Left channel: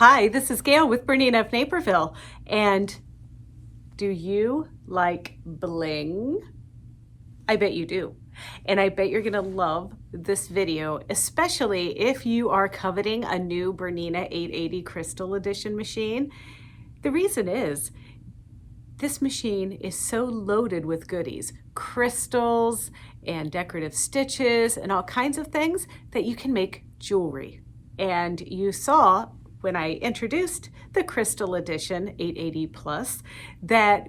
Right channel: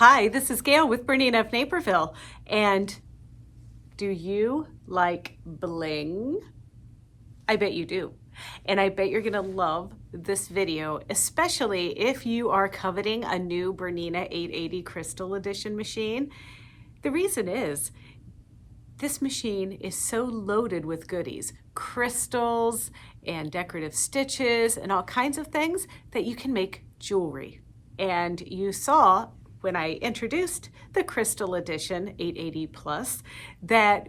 Hi, this is Gayle with BERNINA of Naperville. And do you like bling? I bet you do. And I bet you're gonna love this video, especially if you are coveting a new BERNINA 880 Crystal Edition machine. The reason is, this machine is so loaded with goodies, crystals and decorative stitches and all kinds of things that you can make jewelry. And you saw when I introduced the Crystal Edition 880 Plus that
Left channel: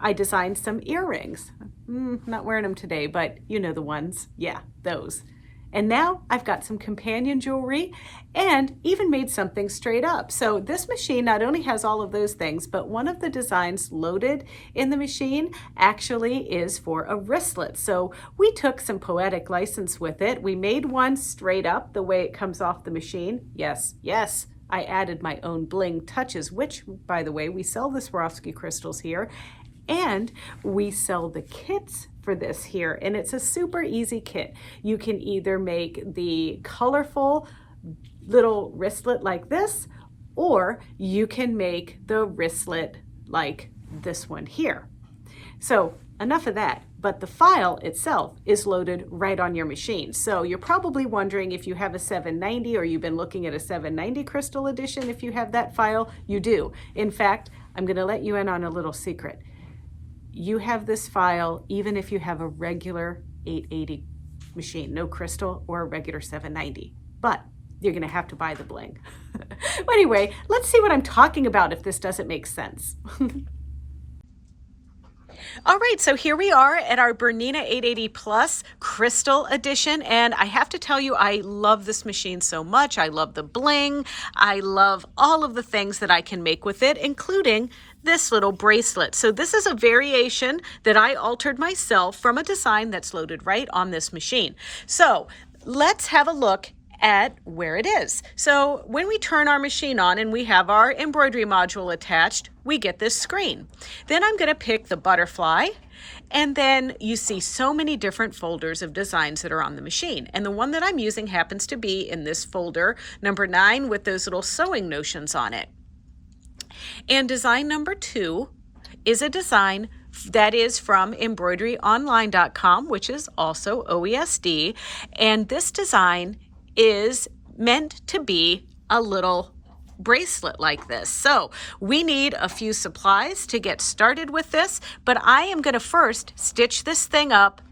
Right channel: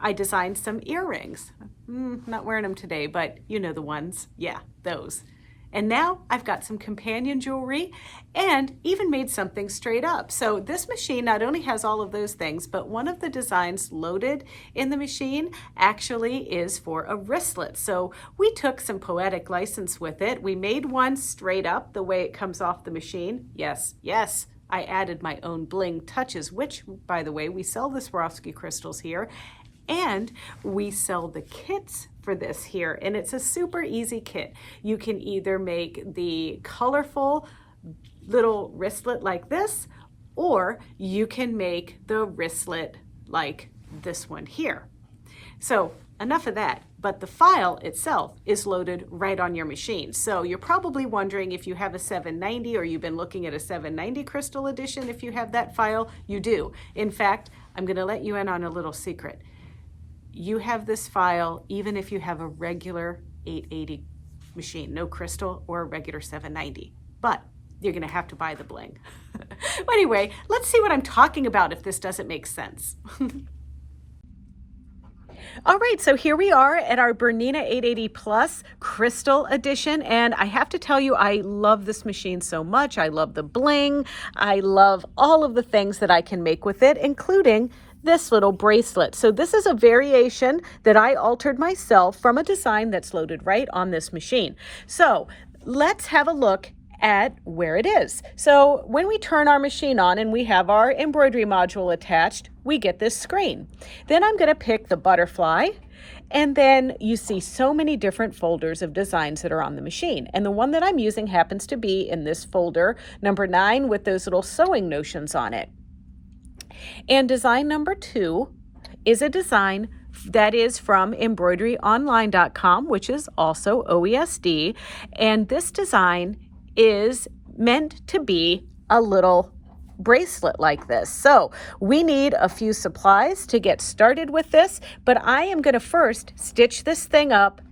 I designed some earrings. Not wearing them today, but you know the ones. Yeah, those. And now I've got some companion jewelry and even made something straight up. So this machine not only has all of those things, but one of the designs loaded in the machine actually is for a wristlet. So we took some poetic license with it. We made one straight up the way it comes off the machine. Yes, yes. I added my own bling touches, which, by the way, we sell the Swarovski crystals here, and we sell the kits for this here, and it's a super easy kit. You can either make the colorful little wristlet like this, or you can make the wristlet like this one here. So enough of that, but the file itself is loaded right on your machine. So you're probably wondering if you have a 790 or you've been looking at a 790 Crystal Edition. If you have that file, you do. In fact, I'm gonna let you in on a little secret. You have this file even if you have a regular 880 machine, no crystal or a regular 790, but you're gonna have to buy the bling. Anyway, let's see what I'm talking about if this doesn't make sense. All right, so here we are at our BERNINA 880 Plus Crystal Edition, and I have to tell you, I love this machine so much. I love the bling. I love all of the things that I can make with it, including this little bracelet. So this is a variation that I altered myself from a design that's loaded right on this machine. So let's have a look at where it is. So when we turn our machine on and we have our embroidery module attached, we get this screen. Then I'm going to pick the butterfly, and then you see so many different folders of designs that are on the machine. And the one that I'm using happens to be in this folder, number 9, with those little sewing notions on it. And design number 2 is a design that is from embroideryonline.com, which is also OESD. And this design is meant to be a little bracelet like this. So we need a few supplies to get started with this, but I am going to first stitch this thing up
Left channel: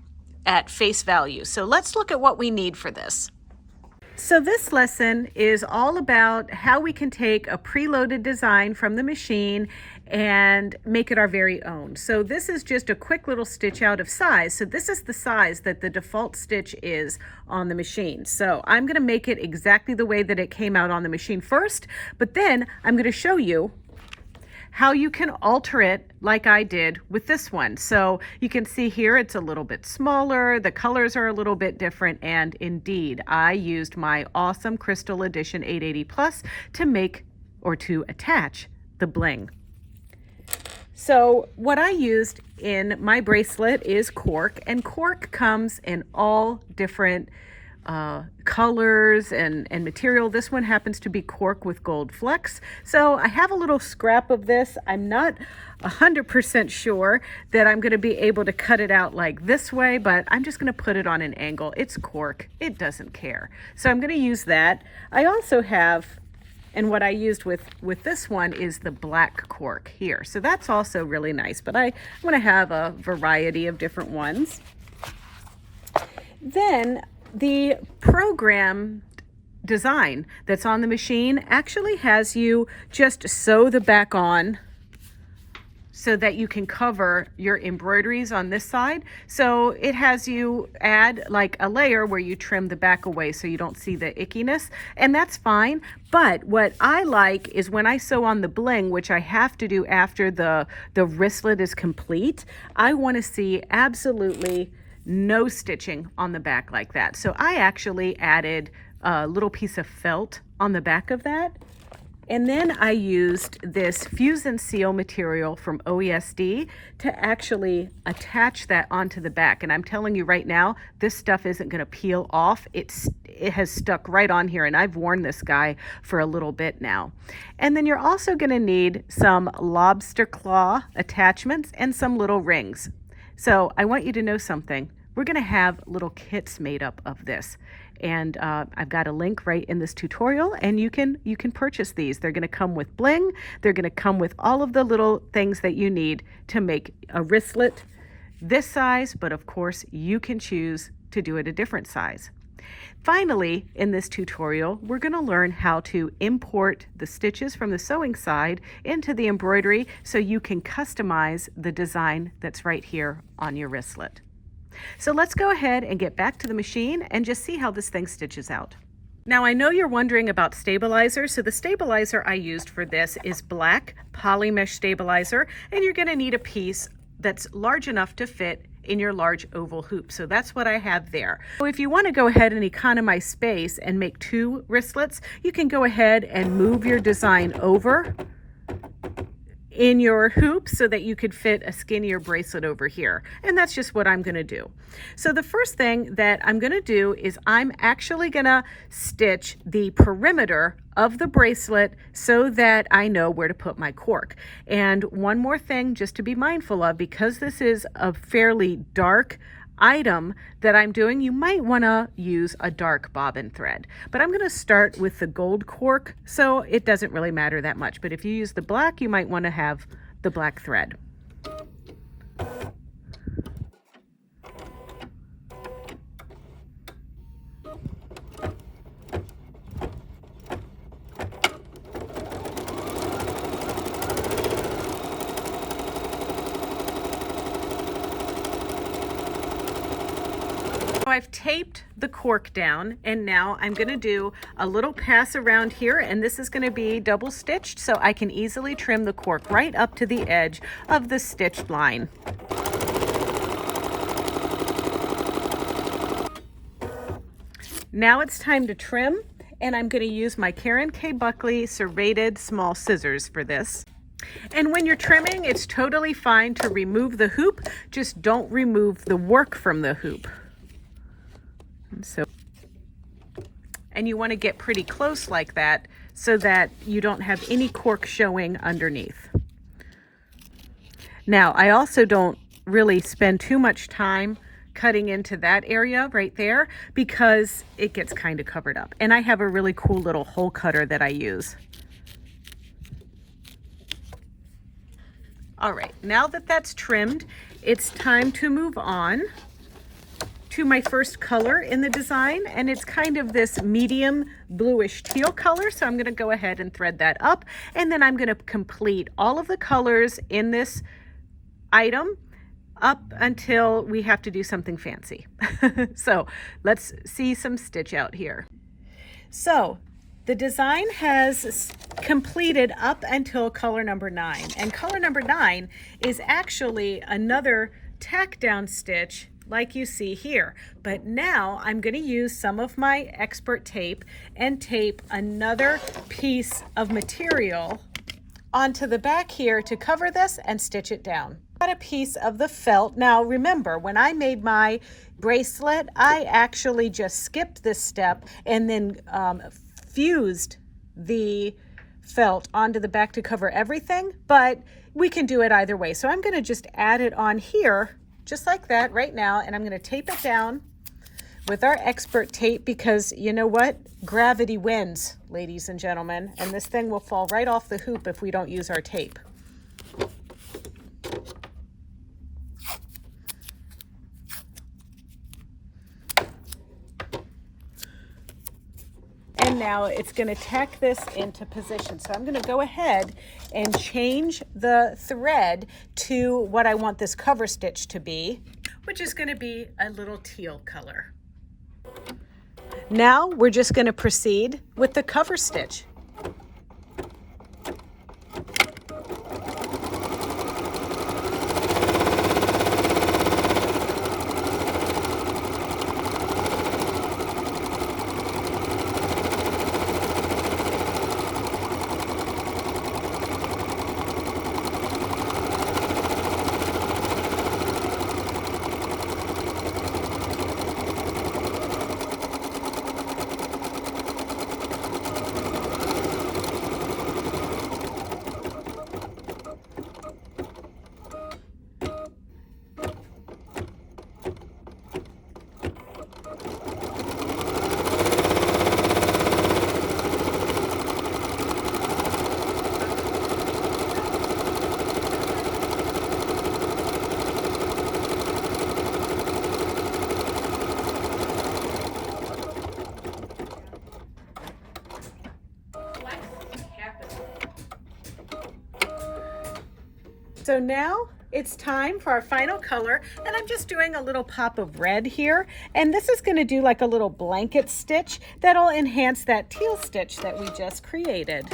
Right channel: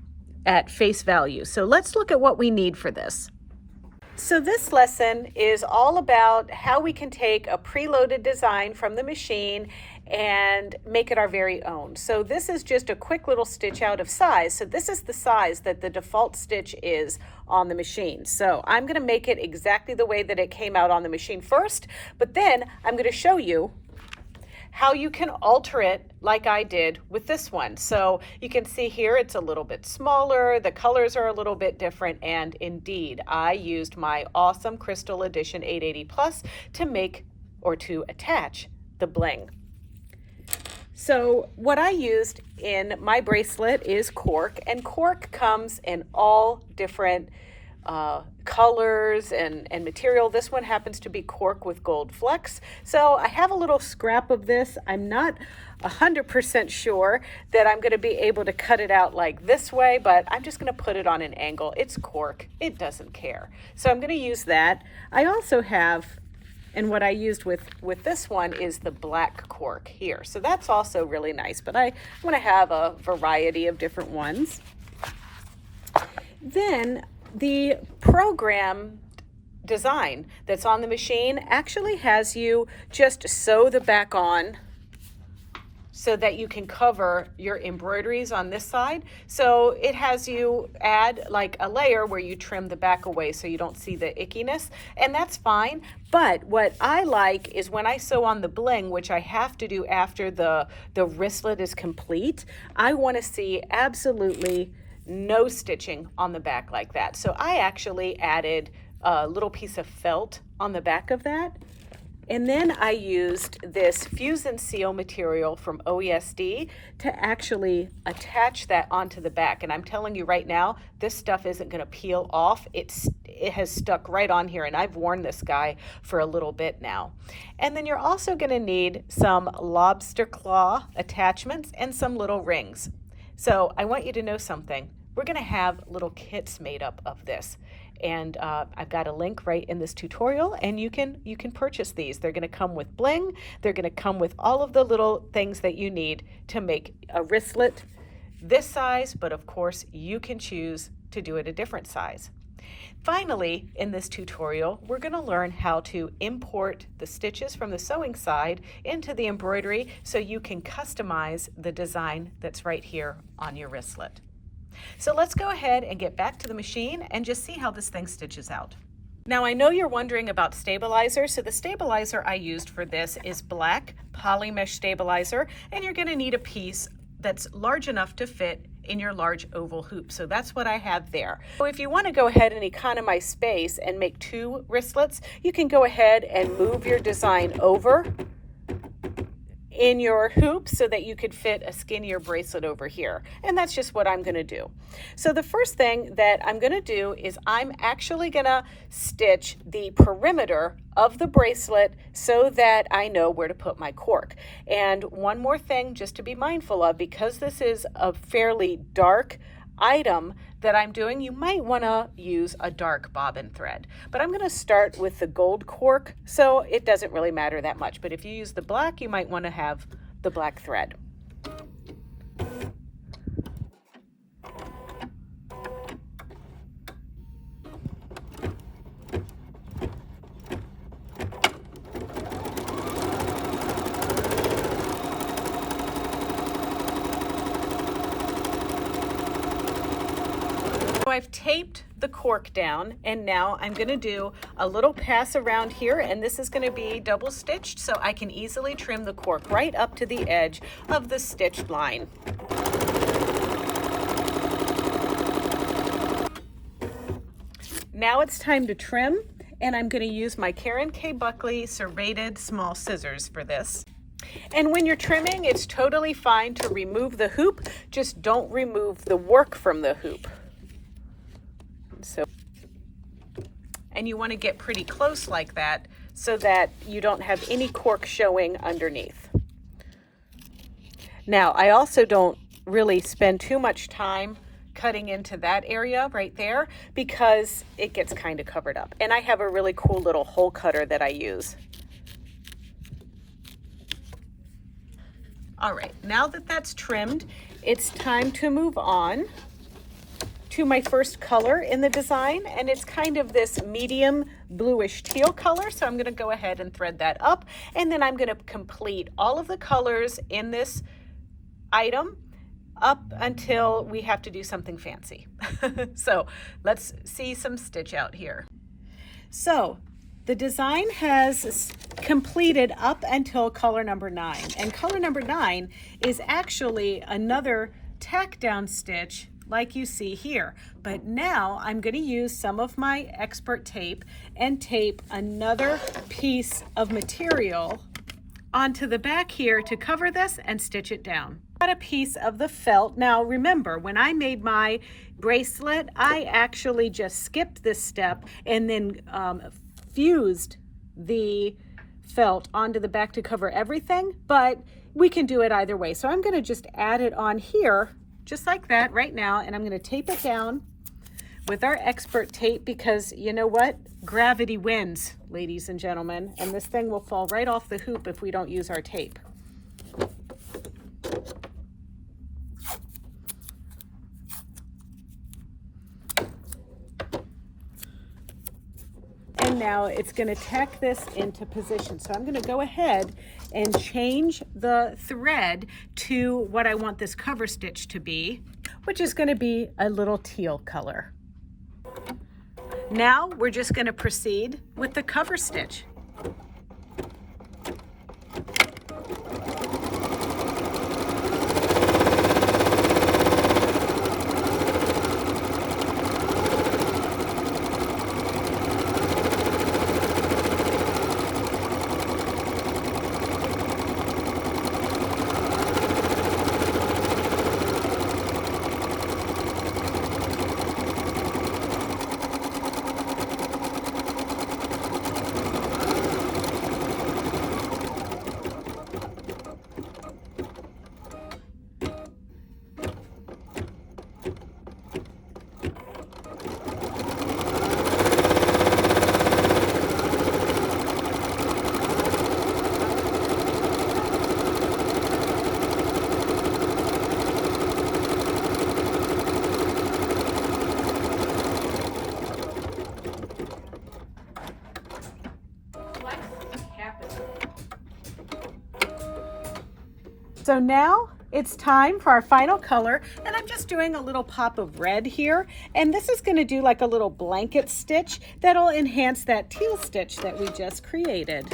at face value. So let's look at what we need for this. So this lesson is all about how we can take a preloaded design from the machine and make it our very own. So this is just a quick little stitch out of size. So this is the size that the default stitch is on the machine. So I'm going to make it exactly the way that it came out on the machine first, but then I'm going to show you how you can alter it like I did with this one. So you can see here it's a little bit smaller, the colors are a little bit different, and indeed I used my awesome Crystal Edition 880 Plus to make or to attach the bling. So what I used in my bracelet is cork, and cork comes in all different colors and material. This one happens to be cork with gold flecks. So I have a little scrap of this. I'm not 100% sure that I'm going to be able to cut it out like this way, but I'm just going to put it on an angle. It's cork. It doesn't care. So I'm going to use that. I also have, and what I used with this one is the black cork here. So that's also really nice, but I'm going to have a variety of different ones. Then the program design that's on the machine actually has you just sew the back on so that you can cover your embroideries on this side. So it has you add like a layer where you trim the back away so you don't see the ickiness, and that's fine. But what I like is when I sew on the bling, which I have to do after the wristlet is complete, I want to see absolutely no stitching on the back like that. So I actually added a little piece of felt on the back of that. And then I used this Fuse and Seal material from OESD to actually attach that onto the back. And I'm telling you right now, this stuff isn't going to peel off. It it has stuck right on here, and I've worn this guy for a little bit now. And then you're also going to need some lobster claw attachments and some little rings. So I want you to know something. We're going to have little kits made up of this, and I've got a link right in this tutorial, and you can purchase these. They're going to come with bling. They're going to come with all of the little things that you need to make a wristlet this size, but of course you can choose to do it a different size. Finally, in this tutorial, we're going to learn how to import the stitches from the sewing side into the embroidery so you can customize the design that's right here on your wristlet. So let's go ahead and get back to the machine and just see how this thing stitches out. Now I know you're wondering about stabilizer, so the stabilizer I used for this is black poly mesh stabilizer, and you're going to need a piece that's large enough to fit in your large oval hoop. So that's what I have there. So if you want to go ahead and economize space and make 2 wristlets, you can go ahead and move your design over in your hoop so that you could fit a skinnier bracelet over here. And that's just what I'm going to do. So the first thing that I'm going to do is I'm actually going to stitch the perimeter of the bracelet so that I know where to put my cork. And one more thing just to be mindful of, because this is a fairly dark item that I'm doing, you might want to use a dark bobbin thread, but I'm going to start with the gold cork, so it doesn't really matter that much. But if you use the black, you might want to have the black thread. I've taped the cork down, and now I'm going to do a little pass around here, and this is going to be double stitched so I can easily trim the cork right up to the edge of the stitched line. Now it's time to trim, and I'm going to use my Karen K. Buckley serrated small scissors for this. And when you're trimming, it's totally fine to remove the hoop, just don't remove the work from the hoop. And you want to get pretty close like that so that you don't have any cork showing underneath. Now, I also don't really spend too much time cutting into that area right there because it gets kind of covered up. And I have a really cool little hole cutter that I use. All right, now that that's trimmed, it's time to move on to my first color in the design, and it's kind of this medium bluish teal color, so I'm going to go ahead and thread that up, and then I'm going to complete all of the colors in this item up until we have to do something fancy. So let's see some stitch out here. So the design has completed up until color number 9, and color number 9 is actually another tack down stitch like you see here. But now I'm going to use some of my expert tape and tape another piece of material onto the back here to cover this and stitch it down. Got a piece of the felt. Now remember, when I made my bracelet, I actually just skipped this step and then fused the felt onto the back to cover everything, but we can do it either way. So I'm going to just add it on here just like that right now, and I'm going to tape it down with our expert tape because you know what? Gravity wins, ladies and gentlemen, and this thing will fall right off the hoop if we don't use our tape. And now it's going to tack this into position. So I'm going to go ahead and change the thread to what I want this cover stitch to be, which is going to be a little teal color. Now we're just going to proceed with the cover stitch. So now it's time for our final color, and I'm just doing a little pop of red here, and this is going to do like a little blanket stitch that'll enhance that teal stitch that we just created.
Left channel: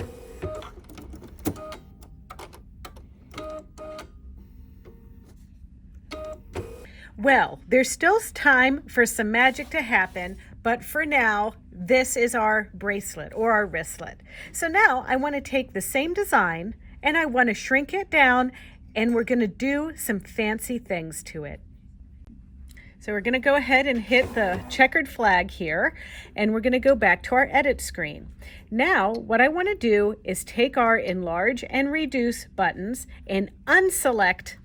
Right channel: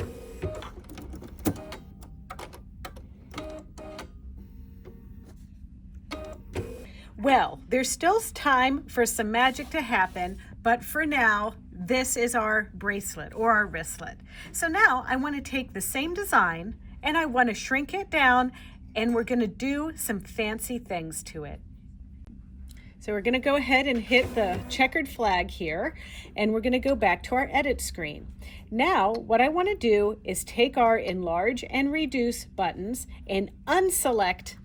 Well, there's still time for some magic to happen, but for now, this is our bracelet or our wristlet. So now I want to take the same design and I want to shrink it down, and we're going to do some fancy things to it. So we're going to go ahead and hit the checkered flag here, and we're going to go back to our edit screen. Now what I want to do is take our enlarge and reduce buttons and unselect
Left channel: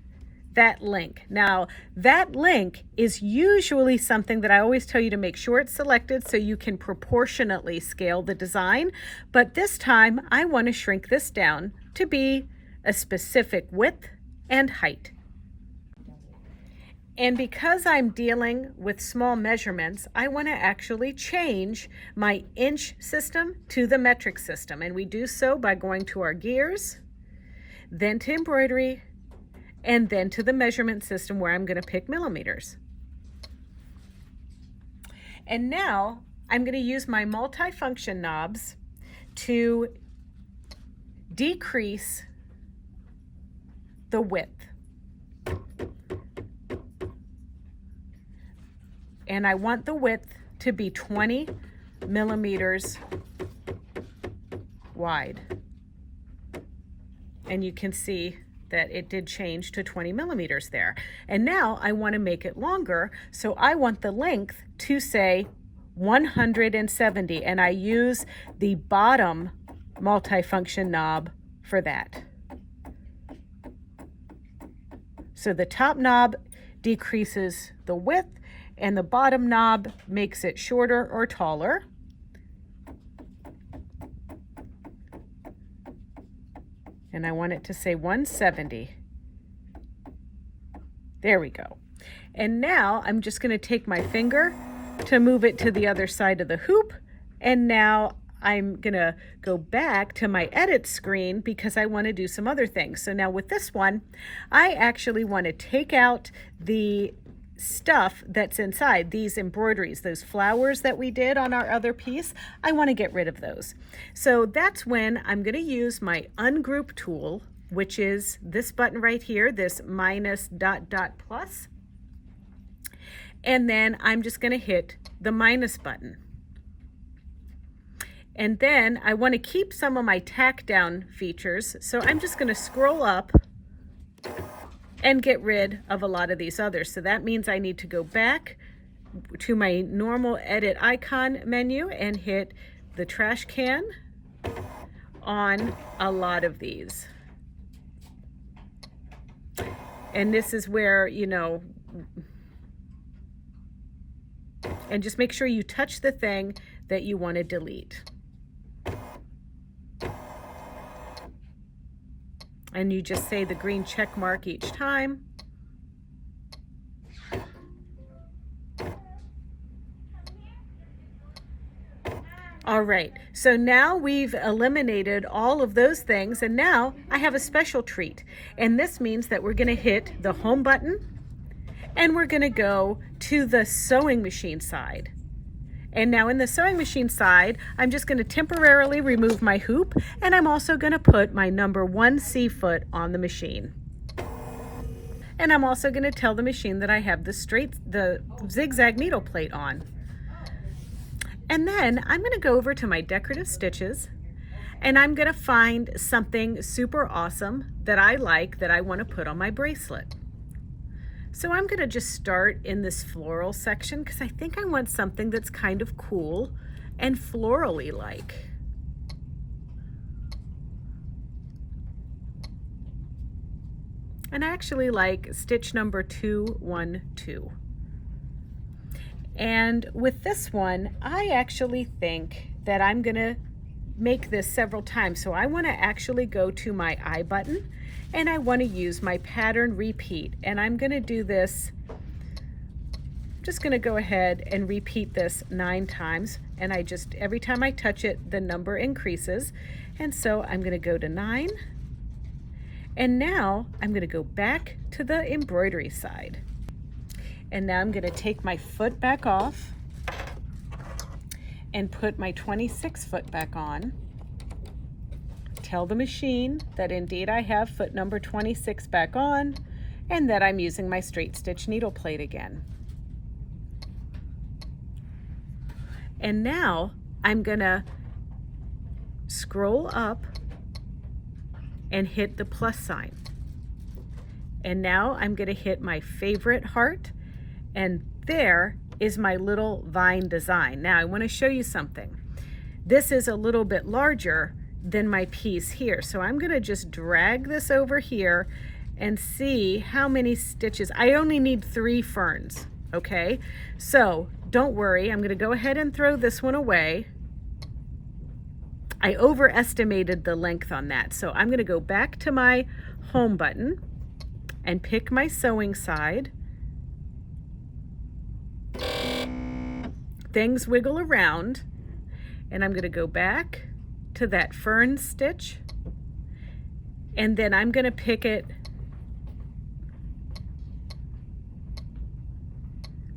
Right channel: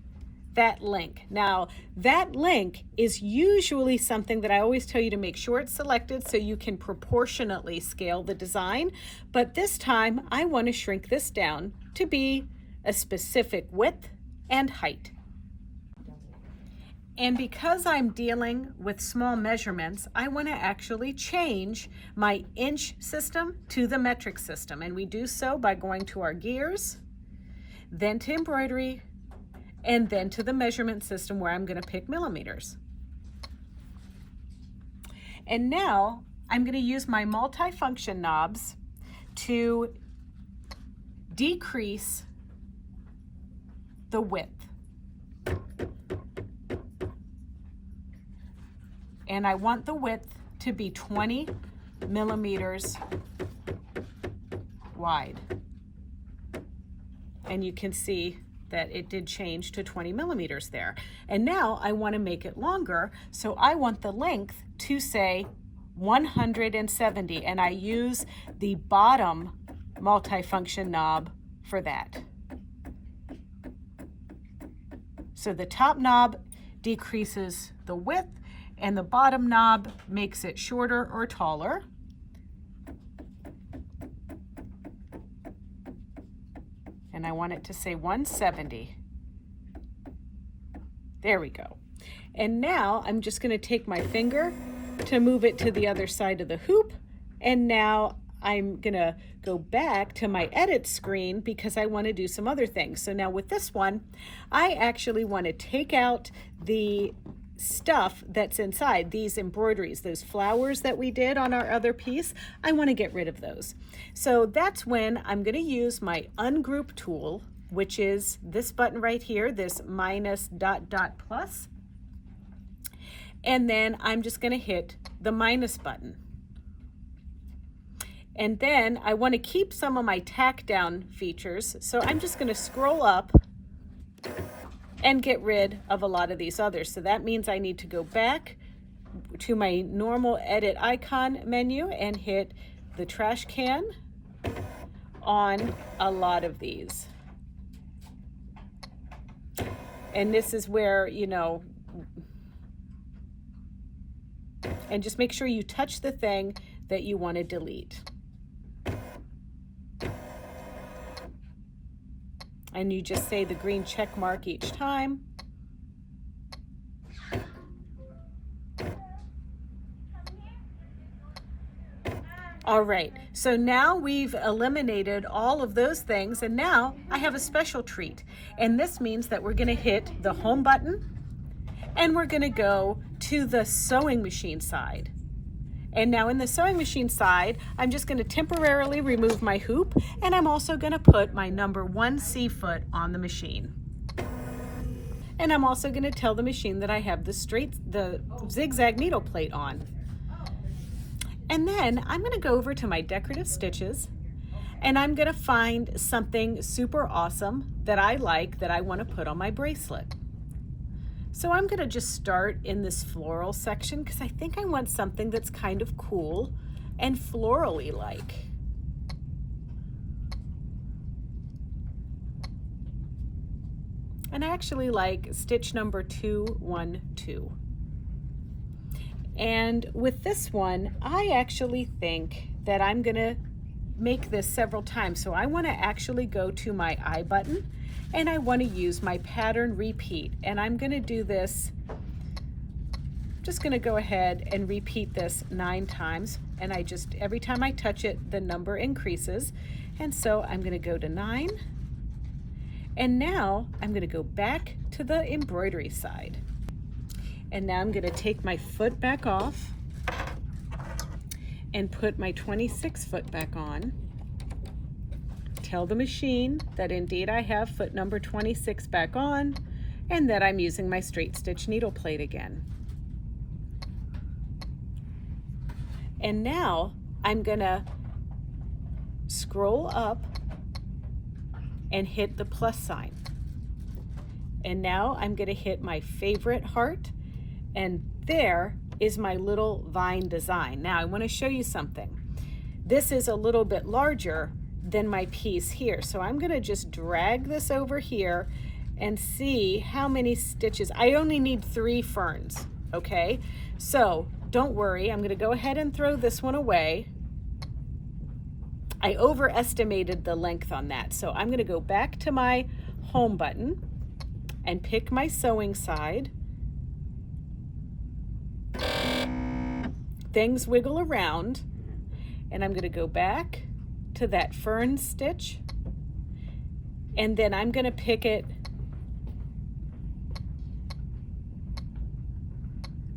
that link. Now that link is usually something that I always tell you to make sure it's selected so you can proportionately scale the design, but this time I want to shrink this down to be a specific width and height. And because I'm dealing with small measurements, I want to actually change my inch system to the metric system, and we do so by going to our gears, then to embroidery, and then to the measurement system where I'm going to pick millimeters. And now I'm going to use my multifunction knobs to decrease the width. And I want the width to be 20 millimeters wide. And you can see that it did change to 20 millimeters there. And now I want to make it longer, so I want the length to say 170, and I use the bottom multifunction knob for that. So the top knob decreases the width, and the bottom knob makes it shorter or taller. And I want it to say 170. There we go. And now I'm just going to take my finger to move it to the other side of the hoop, and now I'm gonna go back to my edit screen because I want to do some other things. So now with this one, I actually want to take out the stuff that's inside, these embroideries, those flowers that we did on our other piece. I want to get rid of those. So that's when I'm going to use my ungroup tool, which is this button right here, this minus ... plus. And then I'm just going to hit the minus button. And then I want to keep some of my tack down features, so I'm just going to scroll up and get rid of a lot of these others. So that means I need to go back to my normal edit icon menu and hit the trash can on a lot of these. And this is where, you know, and just make sure you touch the thing that you want to delete. And you just say the green check mark each time. All right, so now we've eliminated all of those things, and now I have a special treat. And this means that we're going to hit the home button, and we're going to go to the sewing machine side. And now in the sewing machine side, I'm just going to temporarily remove my hoop, and I'm also going to put my number 1 C foot on the machine. And I'm also going to tell the machine that I have the zigzag needle plate on. And then I'm going to go over to my decorative stitches, and I'm going to find something super awesome that I like that I want to put on my bracelet. So I'm going to just start in this floral section because I think I want something that's kind of cool and florally like. And I actually like stitch number 212. And with this one, I actually think that I'm going to make this several times. So I want to actually go to my I button, and I want to use my pattern repeat, and I'm going to do this, just going to go ahead and repeat this 9 times, and I just, every time I touch it, the number increases. And so I'm going to go to 9, And now I'm going to go back to the embroidery side. And now I'm going to take my foot back off and put my 26 foot back on. Tell the machine that indeed I have foot number 26 back on and that I'm using my straight stitch needle plate again. And now I'm gonna scroll up and hit the plus sign. And now I'm gonna hit my favorite heart, and there is my little vine design. Now I wanna show you something. This is a little bit larger than my piece here. So I'm gonna just drag this over here and see how many stitches. I only need 3 ferns, okay? So don't worry, I'm gonna go ahead and throw this one away. I overestimated the length on that. So I'm gonna go back to my home button and pick my sewing side. Things wiggle around, and I'm gonna go back to that fern stitch, and then I'm gonna pick it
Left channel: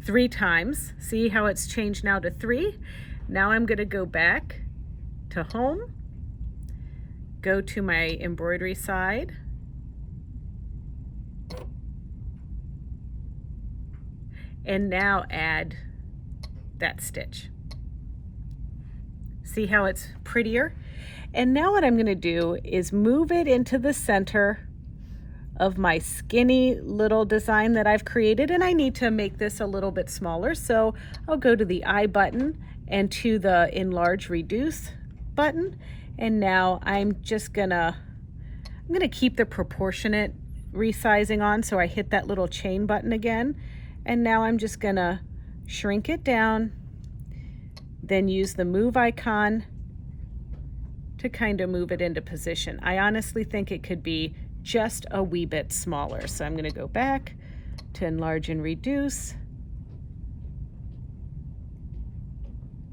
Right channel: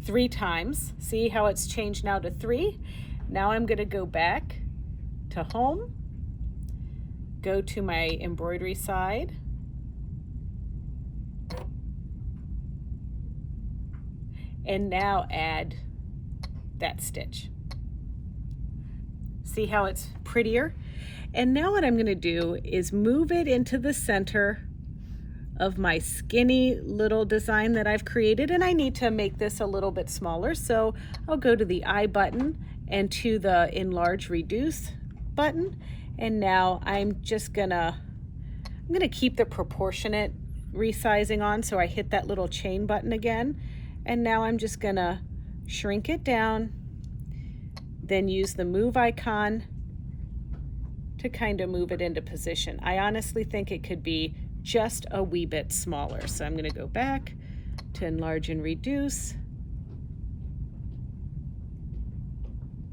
3 times. See how it's changed now to 3? Now I'm gonna go back to home, go to my embroidery side, and now add that stitch. See how it's prettier? And now what I'm gonna do is move it into the center of my skinny little design that I've created, and I need to make this a little bit smaller, so I'll go to the I button and to the enlarge reduce button, and now I'm gonna keep the proportionate resizing on, so I hit that little chain button again, and now I'm just gonna shrink it down, then use the move icon to kind of move it into position. I honestly think it could be just a wee bit smaller. So I'm gonna go back to enlarge and reduce.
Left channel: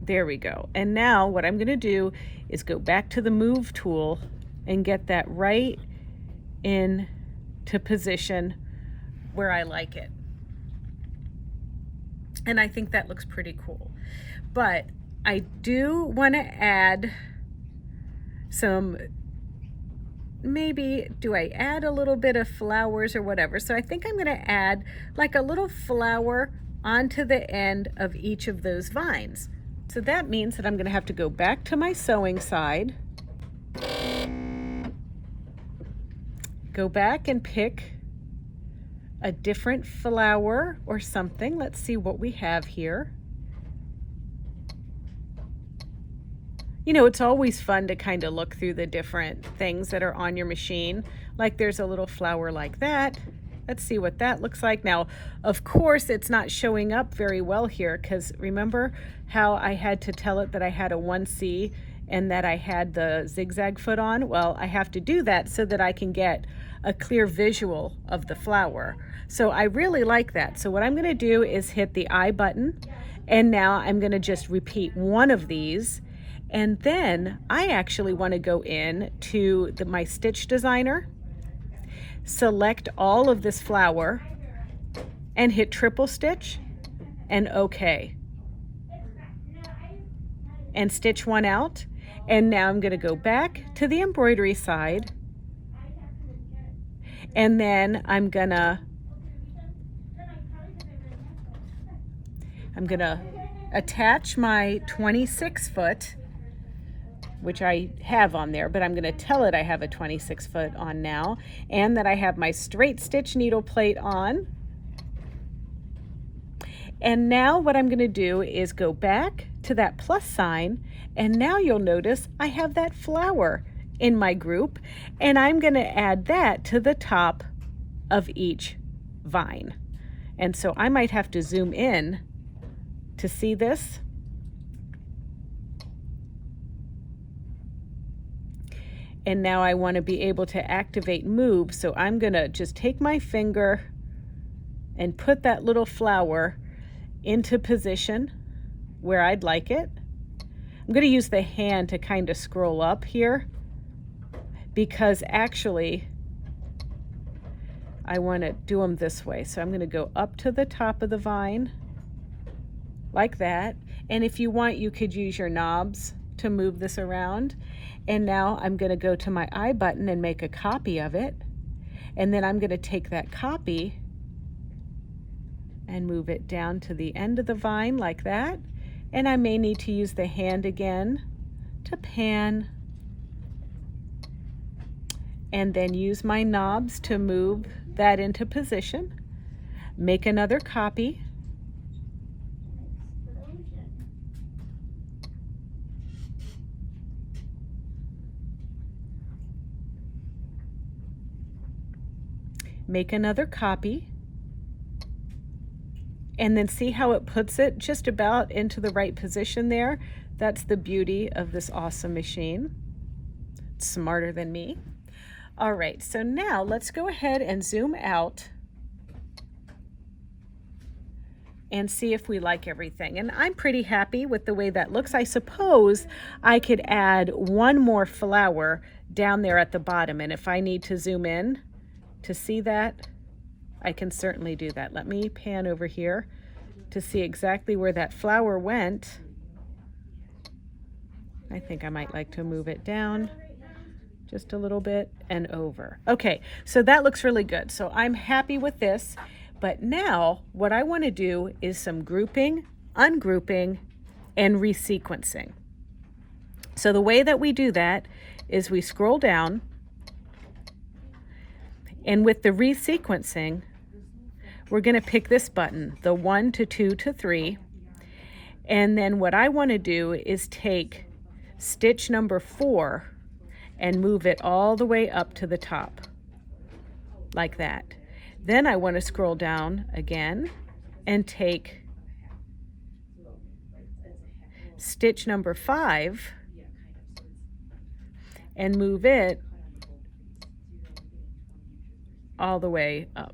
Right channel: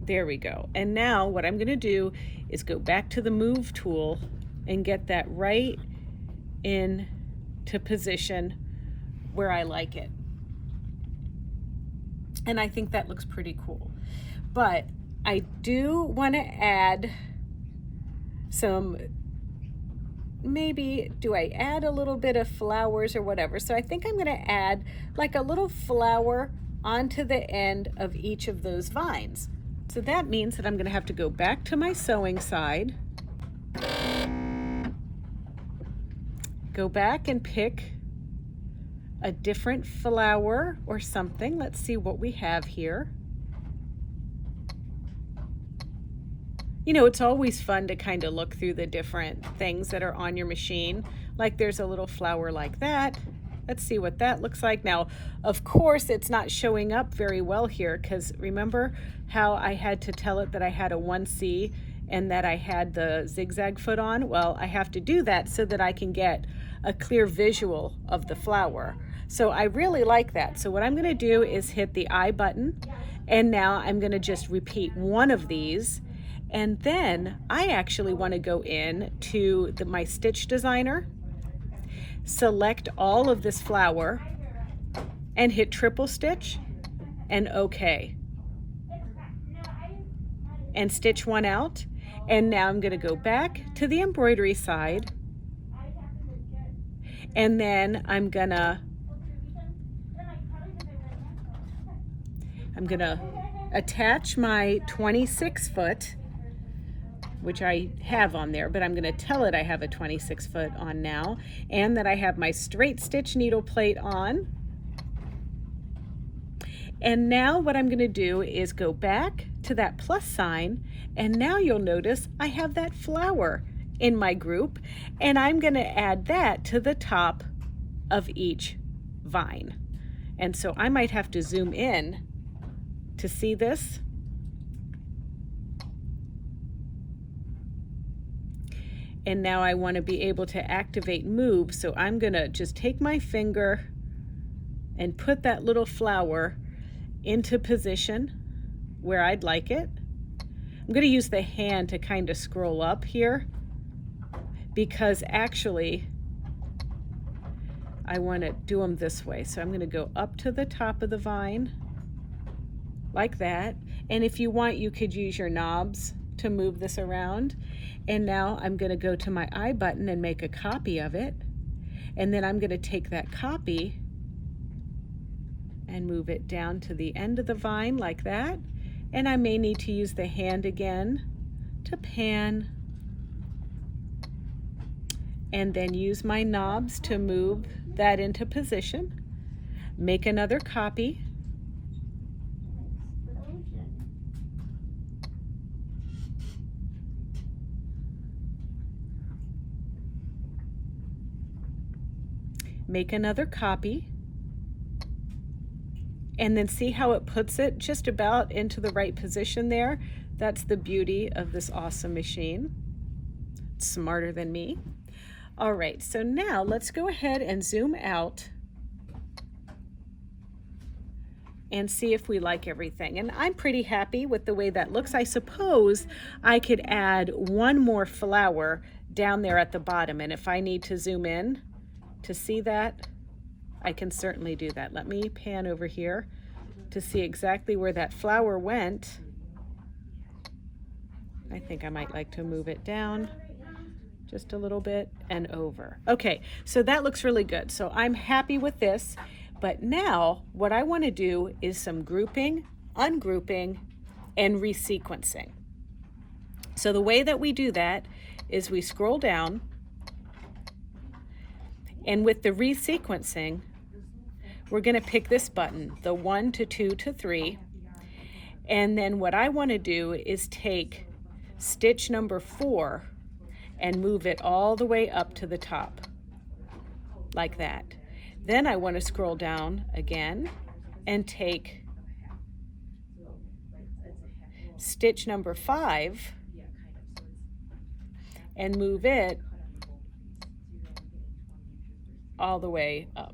There we go. And now what I'm gonna do is go back to the move tool and get that right into position where I like it. And I think that looks pretty cool. But I do wanna add some, maybe, do I add a little bit of flowers or whatever? So I think I'm gonna add like a little flower onto the end of each of those vines. So that means that I'm gonna have to go back to my sewing side, go back and pick a different flower or something. Let's see what we have here. You know, it's always fun to kind of look through the different things that are on your machine. Like there's a little flower like that. Let's see what that looks like. Now, of course, it's not showing up very well here because remember how I had to tell it that I had a 1C and that I had the zigzag foot on? Well, I have to do that so that I can get a clear visual of the flower. So I really like that. So what I'm gonna do is hit the I button, and now I'm gonna just repeat one of these. And then I actually want to go in to my stitch designer, select all of this flower, and hit triple stitch and OK. And stitch one out. And now I'm going to go back to the embroidery side. And then I'm gonna attach my 26 foot, which I have on there, but I'm gonna tell it I have a 26 foot on now, and that I have my straight stitch needle plate on. And now what I'm gonna do is go back to that plus sign, and now you'll notice I have that flower in my group, and I'm gonna add that to the top of each vine. And so I might have to zoom in to see this. And now I want to be able to activate move, so I'm gonna just take my finger and put that little flower into position where I'd like it. I'm gonna use the hand to kind of scroll up here, because actually I want to do them this way. So I'm going to go up to the top of the vine like that. And if you want, you could use your knobs to move this around. And now I'm going to go to my I button and make a copy of it. And then I'm going to take that copy and move it down to the end of the vine like that. And I may need to use the hand again to pan, and then use my knobs to move that into position. Make another copy. Make another copy. And then see how it puts it just about into the right position there. That's the beauty of this awesome machine. It's smarter than me. All right, so now let's go ahead and zoom out and see if we like everything. And I'm pretty happy with the way that looks. I suppose I could add one more flower down there at the bottom, and if I need to zoom in to see that, I can certainly do that. Let me pan over here to see exactly where that flower went. I think I might like to move it down just a little bit and over. Okay, so that looks really good. So I'm happy with this, but now what I want to do is some grouping, ungrouping, and resequencing. So the way that we do that is we scroll down, and with the resequencing, we're going to pick this button, the 1 to 2 to 3, and then what I want to do is take stitch number 4 and move it all the way up to the top, like that. Then I want to scroll down again and take stitch number 5 and move it all the way up.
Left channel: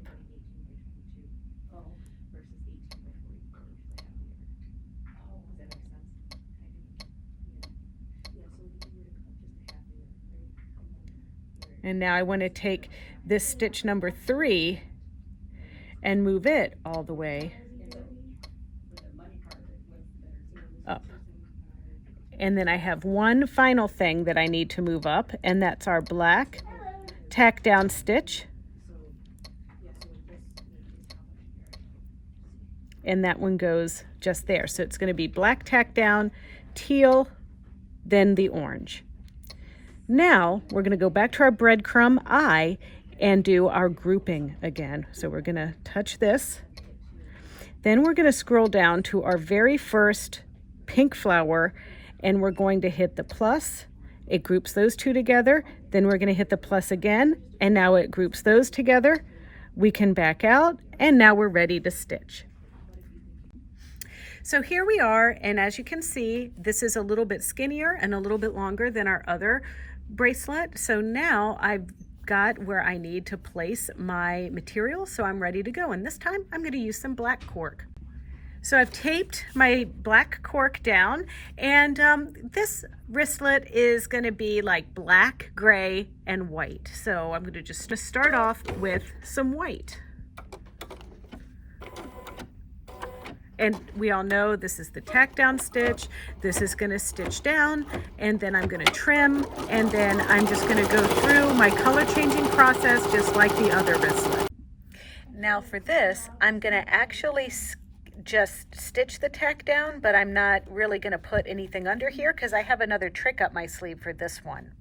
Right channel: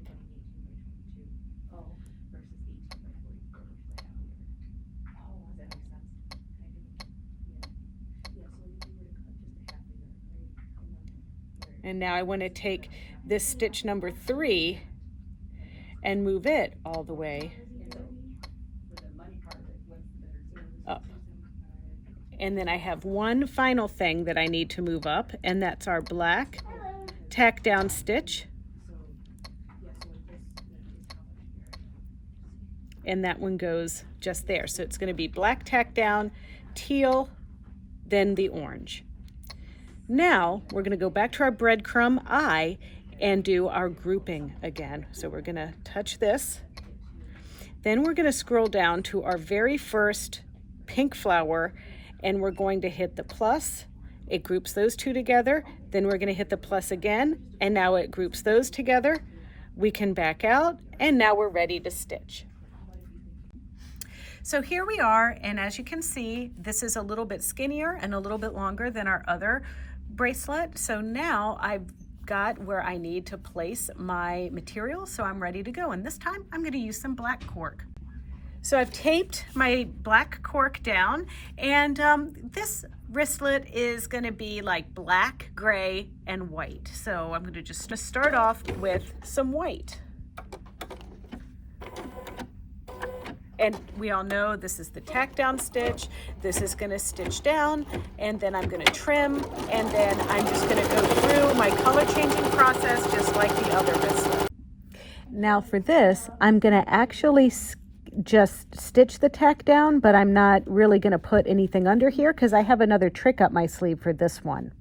And now I want to take this stitch number 3 and move it all the way up. And then I have one final thing that I need to move up, and that's our black tack down stitch. And that one goes just there. So it's going to be black tack down, teal, then the orange. Now we're going to go back to our breadcrumb eye and do our grouping again. So we're going to touch this. Then we're going to scroll down to our very first pink flower, and we're going to hit the plus. It groups those two together. Then we're going to hit the plus again, and now it groups those together. We can back out, and now we're ready to stitch. So here we are, and as you can see, this is a little bit skinnier and a little bit longer than our other bracelet. So now I've got where I need to place my material, so I'm ready to go. And this time I'm going to use some black cork. So I've taped my black cork down, and this wristlet is going to be like black, gray, and white. So I'm going to just start off with some white. And we all know this is the tack down stitch. This is going to stitch down, and then I'm going to trim, and then I'm just going to go through my color changing process just like the other wristlet. Now for this, I'm going to actually just stitch the tack down, but I'm not really going to put anything under here because I have another trick up my sleeve for this one.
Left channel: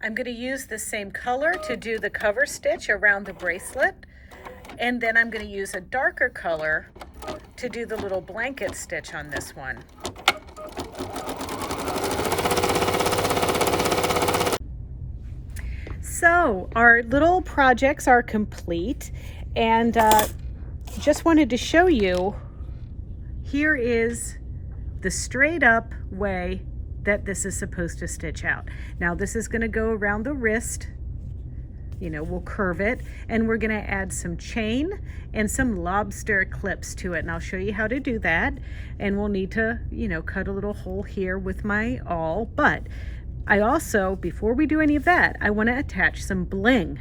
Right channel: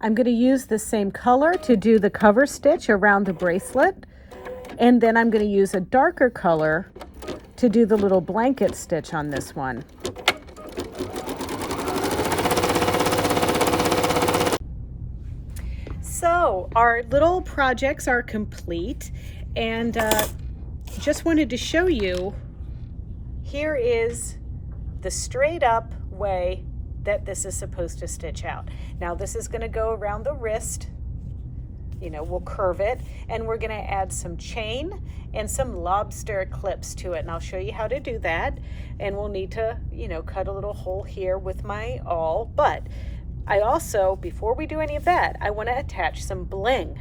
I'm going to use the same color to do the cover stitch around the bracelet. And then I'm going to use a darker color to do the little blanket stitch on this one. So our little projects are complete, and just wanted to show you, here is the straight up way that this is supposed to stitch out. Now this is going to go around the wrist. You know, we'll curve it, and we're going to add some chain and some lobster clips to it, and I'll show you how to do that. And we'll need to, you know, cut a little hole here with my awl. But I also, before we do any of that, I want to attach some bling.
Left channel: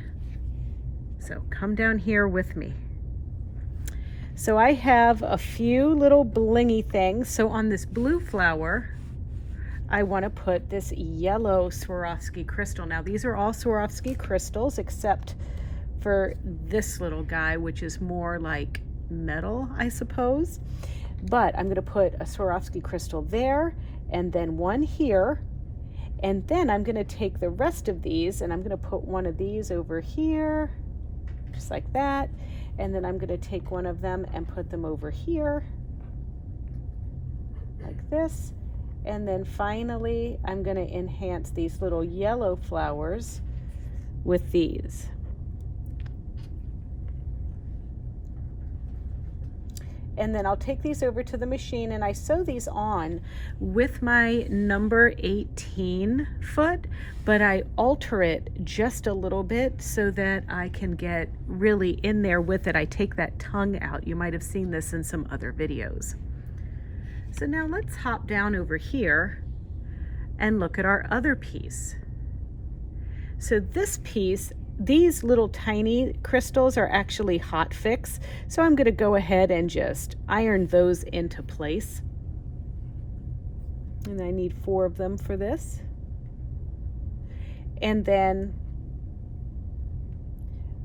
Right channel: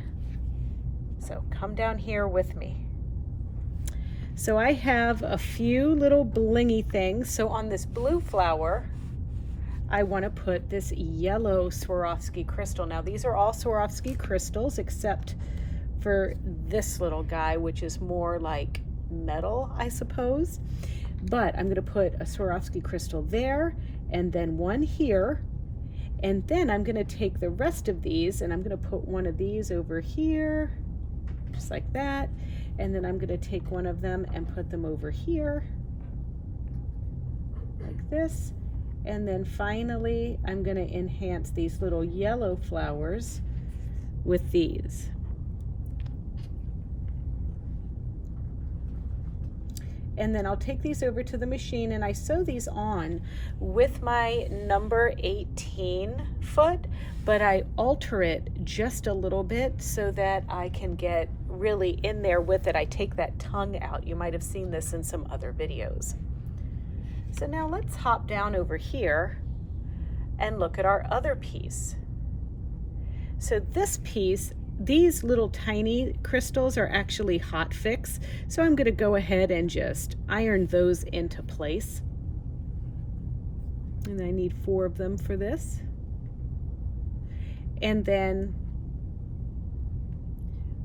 So come down here with me. So I have a few little blingy things. So on this blue flower, I want to put this yellow Swarovski crystal. Now these are all Swarovski crystals except for this little guy, which is more like metal, I suppose. But I'm going to put a Swarovski crystal there and then one here. And then I'm going to take the rest of these and I'm going to put one of these over here, just like that. And then I'm going to take one of them and put them over here, like this. And then finally, I'm going to enhance these little yellow flowers with these. And then I'll take these over to the machine and I sew these on with my number 18 foot, but I alter it just a little bit so that I can get really in there with it. I take that tongue out. You might have seen this in some other videos. So now let's hop down over here and look at our other piece. So this piece, these little tiny crystals are actually hot fix. So I'm going to go ahead and just iron those into place. And I need 4 of them for this. And then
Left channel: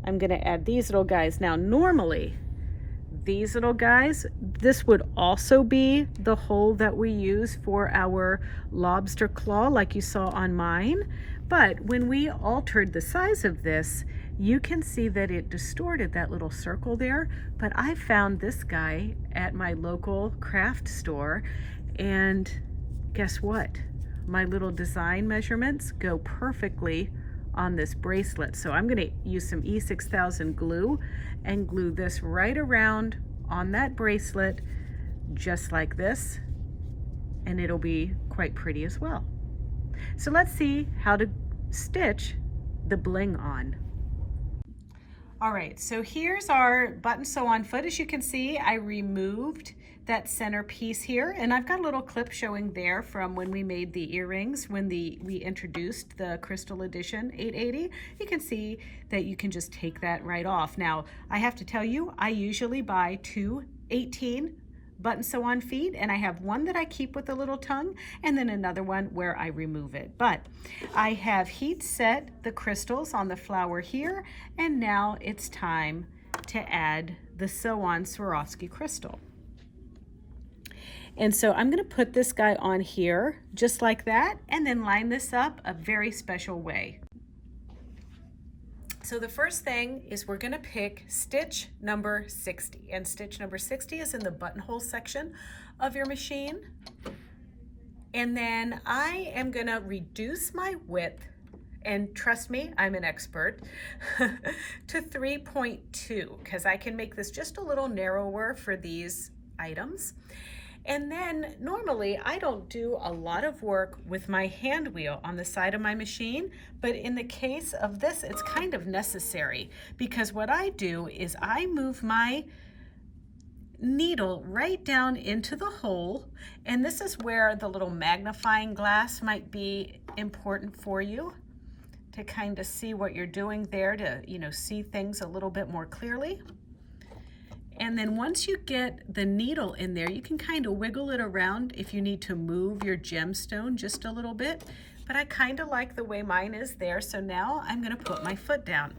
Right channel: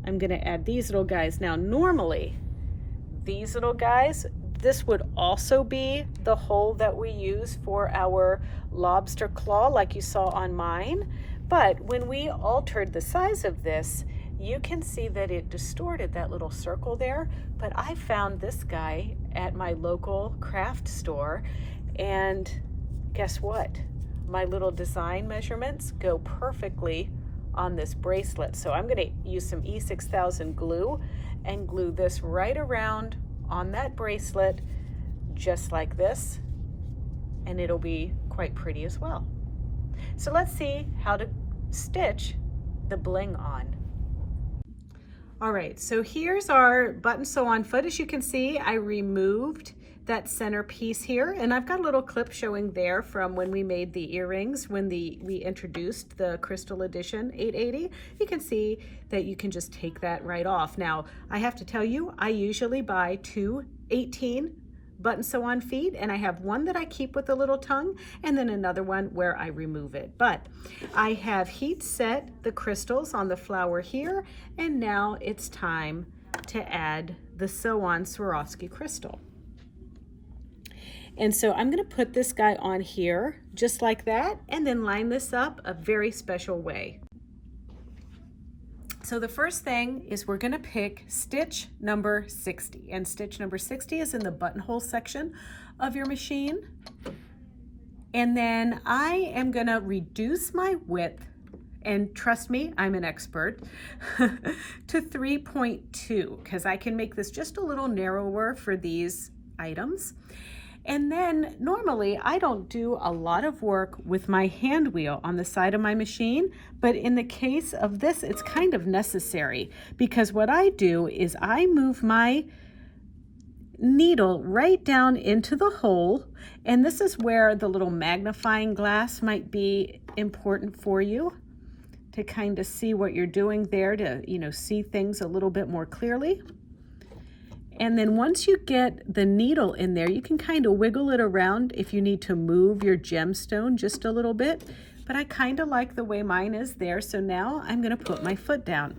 I'm going to add these little guys. Now normally these little guys, this would also be the hole that we use for our lobster claw like you saw on mine. But when we altered the size of this, you can see that it distorted that little circle there. But I found this guy at my local craft store, and guess what? My little design measurements go perfectly on this bracelet. So I'm going to use some E6000 glue and glue this right around on that bracelet, just like this, and it'll be quite pretty as well. So let's see how to stitch the bling on. All right, so here's our button sew on foot. As you can see, I removed that center piece here, and I've got a little clip showing there from when we made the earrings, when we introduced the Crystal Edition 880. You can see that you can just take that right off. Now, I have to tell you, I usually buy 2 18 button sew on feet, and I have one that I keep with a little tongue and then another one where I remove it. But I have heat set the crystals on the flower here, and now it's time to add the sew on Swarovski crystal. And so I'm going to put this guy on here just like that and then line this up a very special way. So the first thing is we're going to pick stitch number 60, and stitch number 60 is in the buttonhole section of your machine. And then I am going to reduce my width, and trust me, I'm an expert, to 3.2 because I can make this just a little narrower for these items. And then normally I don't do a lot of work with my hand wheel on the side of my machine, but in the case of this, it's kind of necessary because what I do is I move my needle right down into the hole, and this is where the little magnifying glass might be important for you to kind of see what you're doing there, to, you know, see things a little bit more clearly. And then once you get the needle in there, you can kind of wiggle it around if you need to move your gemstone just a little bit. But I kind of like the way mine is there. So now I'm going to put my foot down.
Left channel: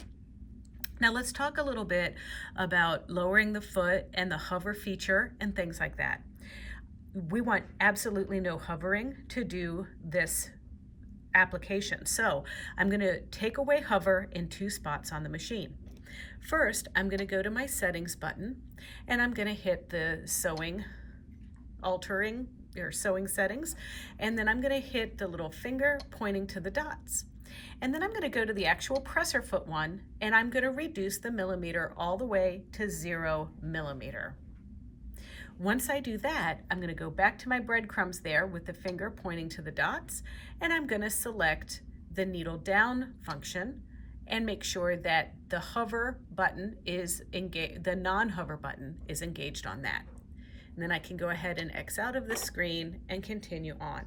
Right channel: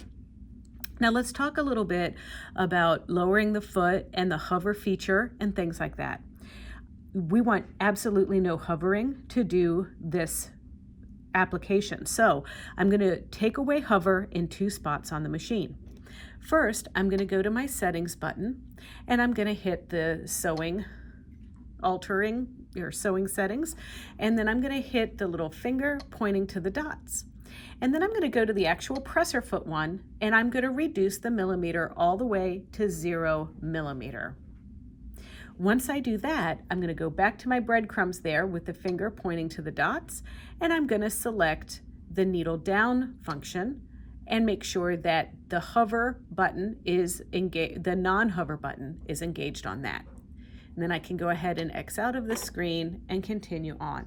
Now let's talk a little bit about lowering the foot and the hover feature and things like that. We want absolutely no hovering to do this application. So I'm going to take away hover in 2 spots on the machine. First, I'm going to go to my settings button and I'm going to hit the sewing settings, and then I'm going to hit the little finger pointing to the dots. And then I'm going to go to the actual presser foot one and I'm going to reduce the millimeter all the way to 0 millimeter. Once I do that, I'm going to go back to my breadcrumbs there with the finger pointing to the dots, and I'm going to select the needle down function and make sure that the hover button is engaged, the non-hover button is engaged on that. And then I can go ahead and X out of the screen and continue on.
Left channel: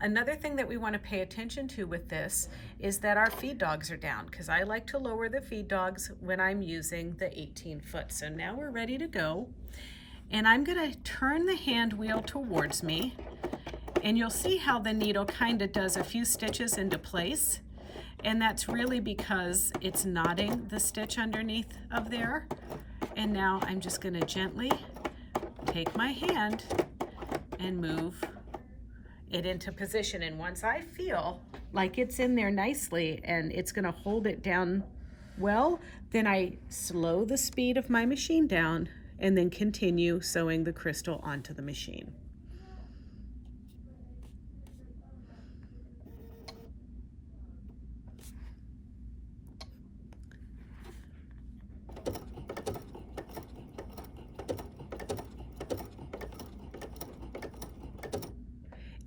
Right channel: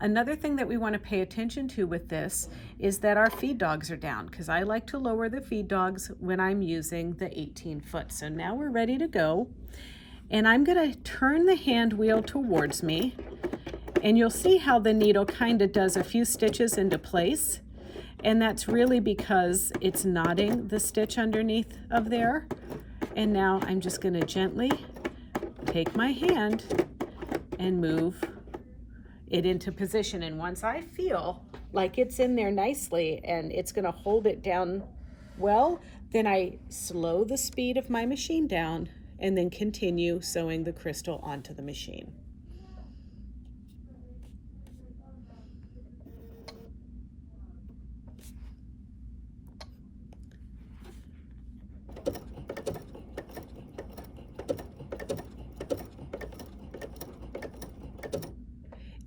Another thing that we want to pay attention to with this is that our feed dogs are down, because I like to lower the feed dogs when I'm using the 18-foot. So now we're ready to go. And I'm going to turn the hand wheel towards me, and you'll see how the needle kind of does a few stitches into place. And that's really because it's knotting the stitch underneath of there. And now I'm just going to gently take my hand and move it into position. And once I feel like it's in there nicely and it's going to hold it down well, then I slow the speed of my machine down and then continue sewing the crystal onto the machine.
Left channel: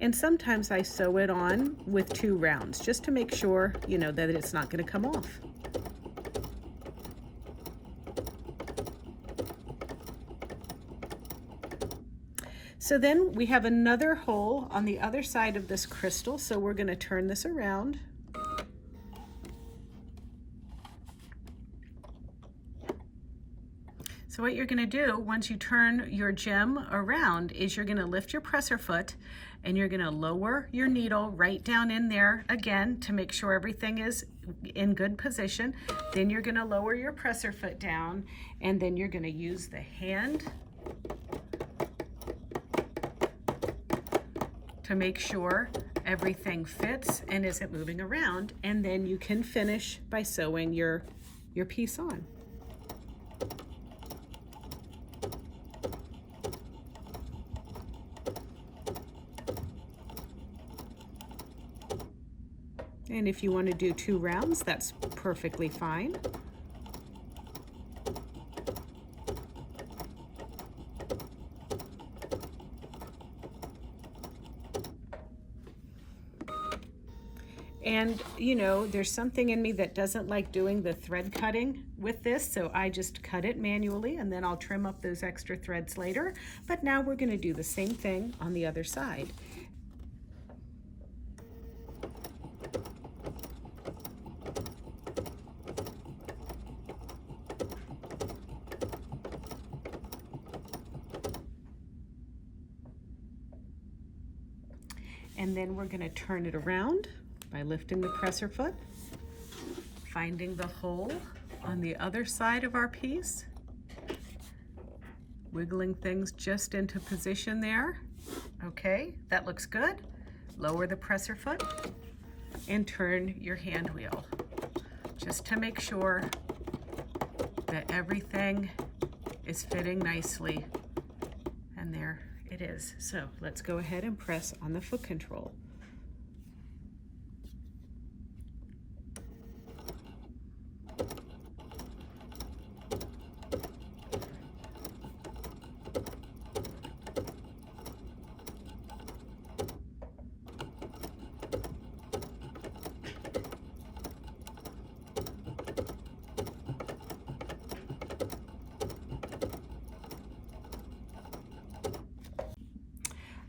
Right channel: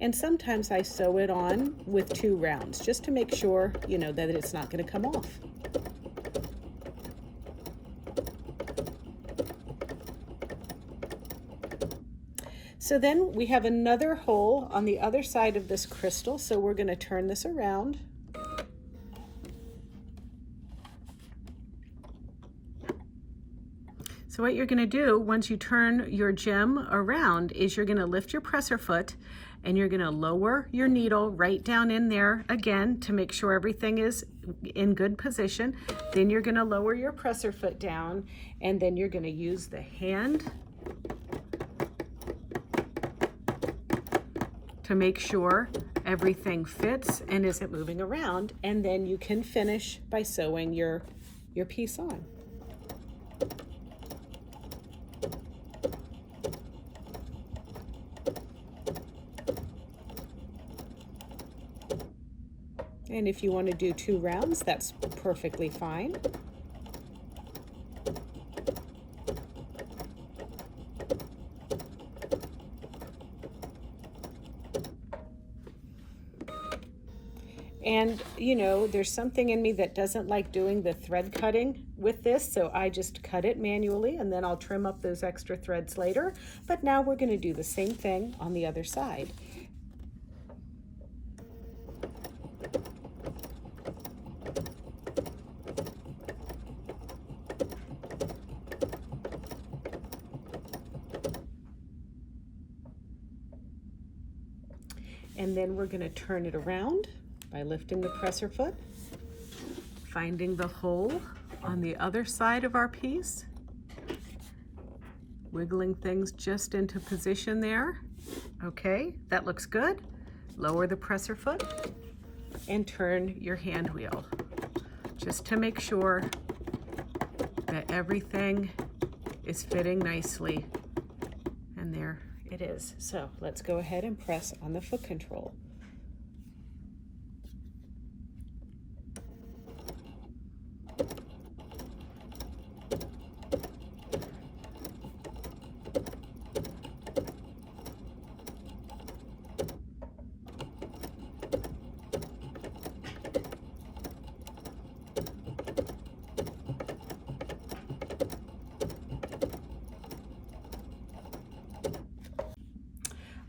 And sometimes I sew it on with 2 rounds just to make sure, that it's not going to come off. So then we have another hole on the other side of this crystal, so we're going to turn this around. So what you're going to do once you turn your gem around is you're going to lift your presser foot and you're going to lower your needle right down in there again to make sure everything is in good position. Then you're going to lower your presser foot down, and then you're going to use the hand to make sure everything fits and isn't moving around, and then you can finish by sewing your piece on. And if you want to do 2 rounds, that's perfectly fine. And there's something in me that doesn't like doing the thread cutting with this, so I just cut it manually, and then I'll trim up those extra threads later. But now we're going to do the same thing on the other side. And then we're going to turn it around by lifting the presser foot, finding the hole on the other side of our piece, wiggling things just into position there. Okay, that looks good. Lower the presser foot and turn your hand wheel just to make sure that everything is fitting nicely. And there it is. So let's go ahead and press on the foot control.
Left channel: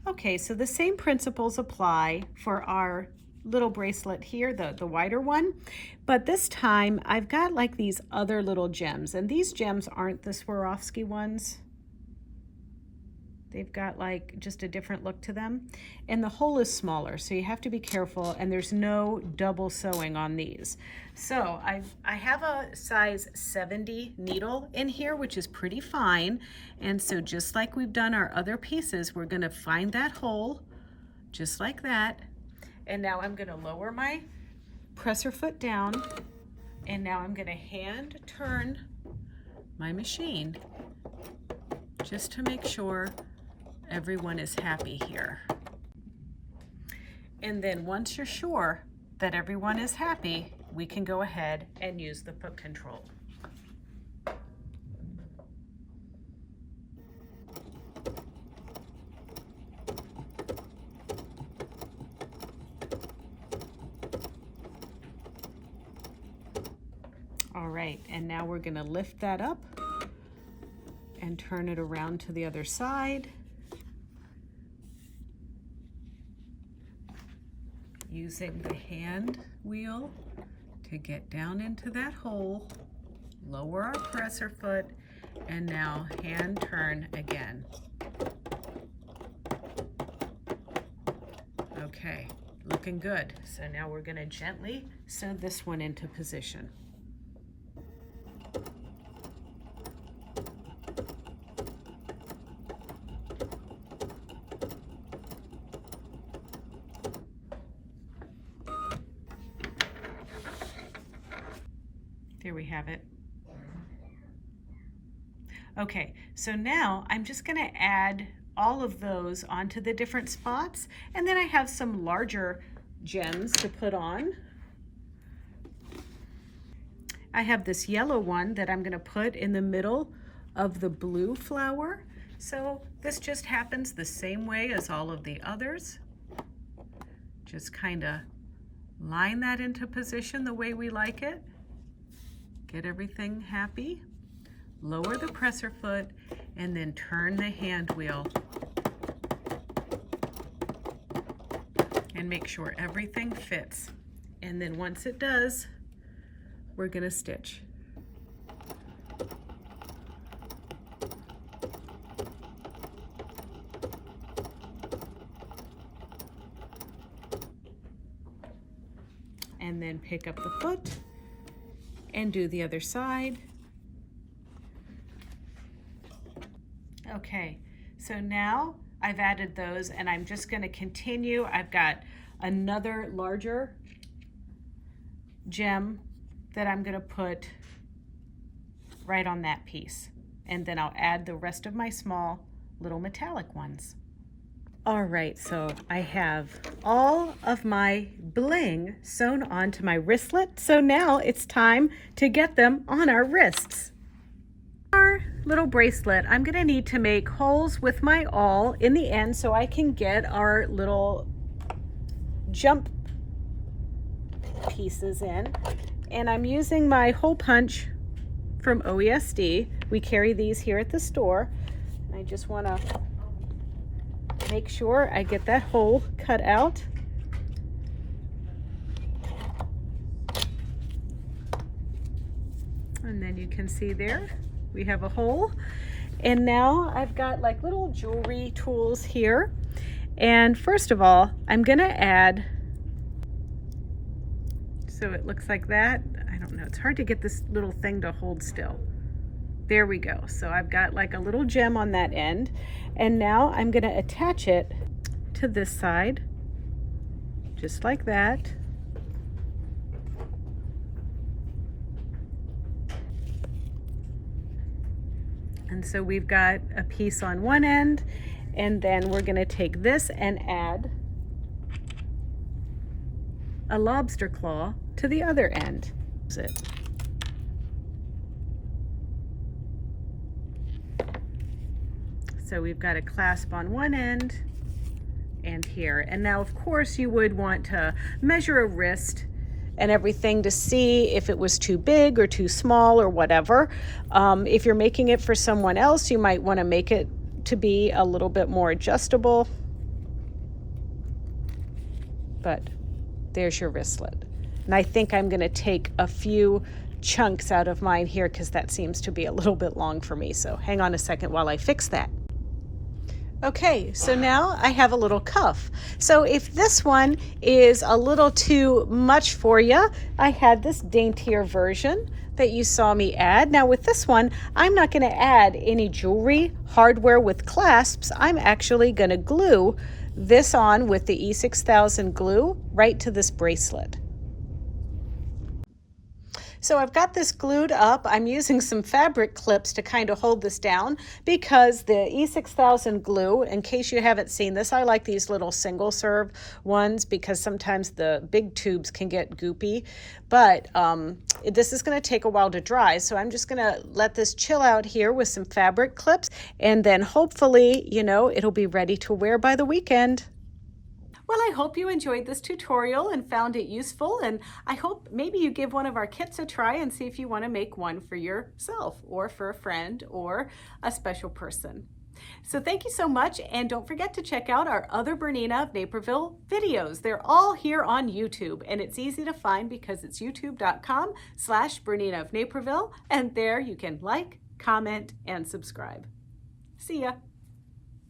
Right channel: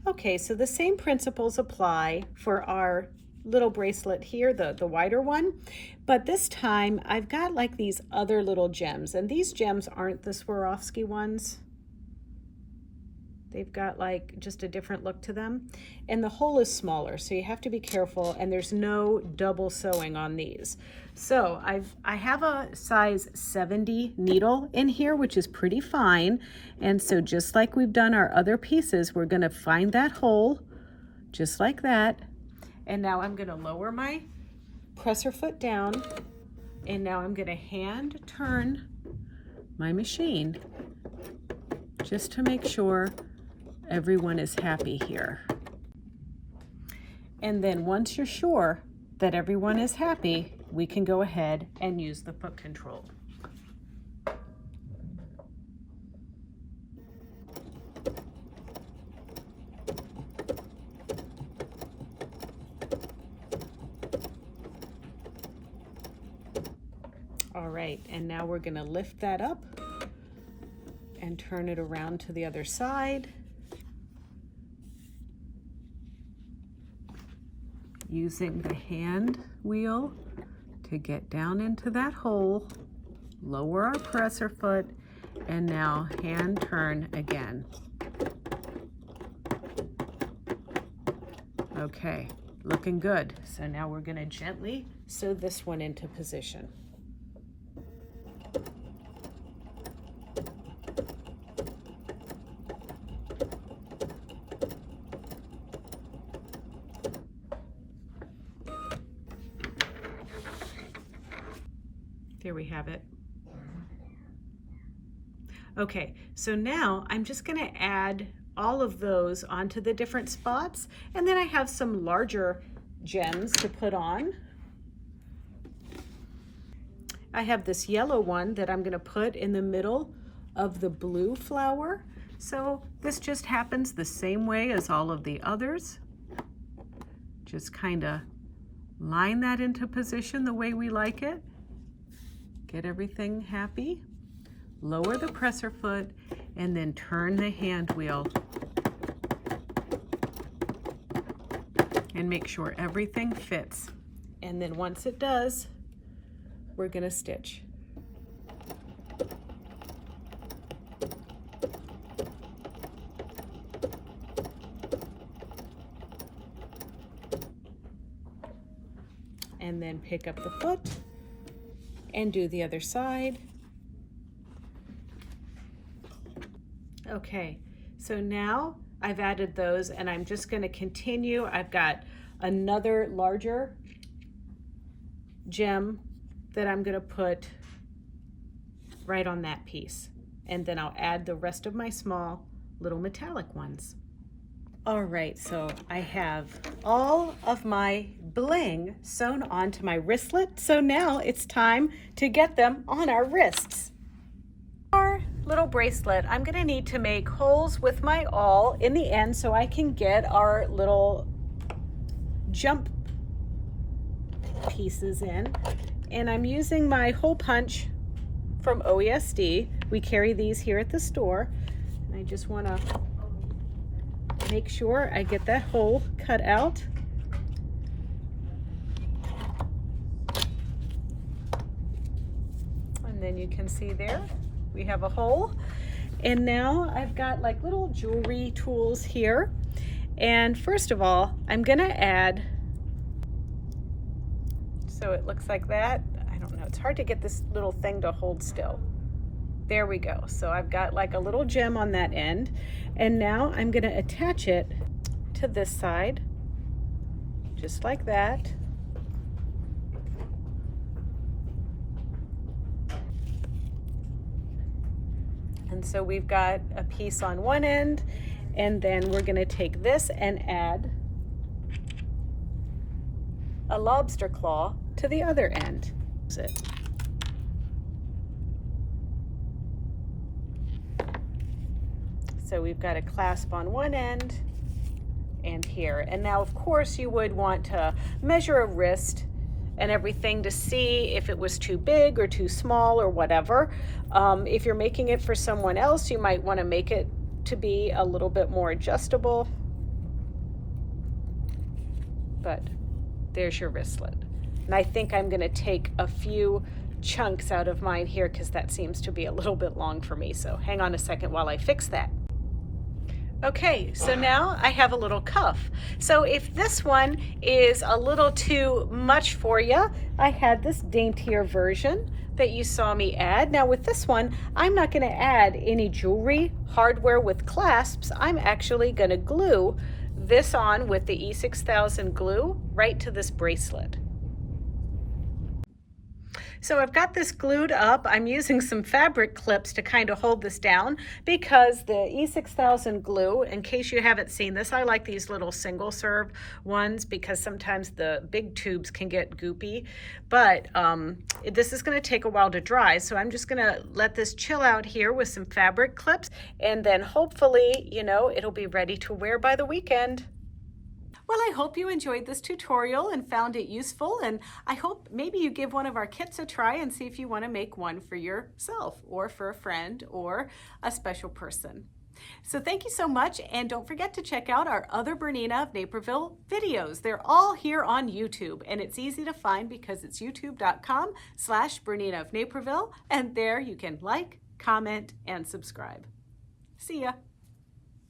Okay, so the same principles apply for our little bracelet here, the wider one, but this time I've got like these other little gems, and these gems aren't the Swarovski ones. They've got like just a different look to them, and the hole is smaller, so you have to be careful, and there's no double sewing on these. So I have a size 70 needle in here, which is pretty fine, and so just like we've done our other pieces, we're going to find that hole just like that. And now I'm going to lower my presser foot down, and now I'm going to hand turn my machine just to make sure everyone is happy here. And then once you're sure that everyone is happy, we can go ahead and use the foot control. All right, and now we're going to lift that up and turn it around to the other side. using the hand wheel to get down into that hole, lower our presser foot, and now hand turn again. Okay, looking good. So now we're going to gently sew this one into position. There we have it. Okay, so now I'm just going to add all of those onto the different spots, and then I have some larger gems to put on. I have this yellow one that I'm going to put in the middle of the blue flower. So this just happens the same way as all of the others. Just kind of line that into position the way we like it. Get everything happy. Lower the presser foot and then turn the hand wheel and make sure everything fits. And then once it does, we're going to stitch. And then pick up the foot and do the other side. Okay, so now I've added those and I'm just going to continue. I've got another larger gem that I'm going to put right on that piece, and then I'll add the rest of my small little metallic ones. All right, so I have all of my bling sewn onto my wristlet, so now it's time to get them on our wrists. Our little bracelet, I'm going to need to make holes with my awl in the end so I can get our little jump pieces in, and I'm using my hole punch from OESD. We carry these here at the store, and I just want to make sure I get that hole cut out. And then you can see there we have a hole. And now I've got like little jewelry tools here. And first of all, I'm gonna add, so it looks like that. I don't know, it's hard to get this little thing to hold still. There we go. So I've got like a little gem on that end. And now I'm gonna attach it to this side, just like that. And so we've got a piece on one end, and then we're gonna take this and add a lobster claw to the other end. So we've got a clasp on one end and here. And now of course you would want to measure a wrist and everything to see if it was too big or too small or whatever. If you're making it for someone else, you might want to make it to be a little bit more adjustable. But there's your wristlet. And I think I'm going to take a few chunks out of mine here because that seems to be a little bit long for me. So hang on a second while I fix that. Okay, so now I have a little cuff. So if this one is a little too much for you, I had this daintier version that you saw me add. Now with this one, I'm not going to add any jewelry, hardware with clasps. I'm actually going to glue this on with the E6000 glue right to this bracelet. So I've got this glued up. I'm using some fabric clips to kind of hold this down because the E6000 glue, in case you haven't seen this, I like these little single serve ones because sometimes the big tubes can get goopy, but this is going to take a while to dry. So I'm just going to let this chill out here with some fabric clips, and then hopefully, you know, it'll be ready to wear by the weekend. Well, I hope you enjoyed this tutorial and found it useful, and I hope maybe you give one of our kits a try and see if you want to make one for yourself or for a friend or a special person. So thank you so much, and don't forget to check out our other Bernina of Naperville videos. They're all here on YouTube, and it's easy to find because it's youtube.com/Bernina of Naperville, and there you can like, comment, and subscribe. See ya.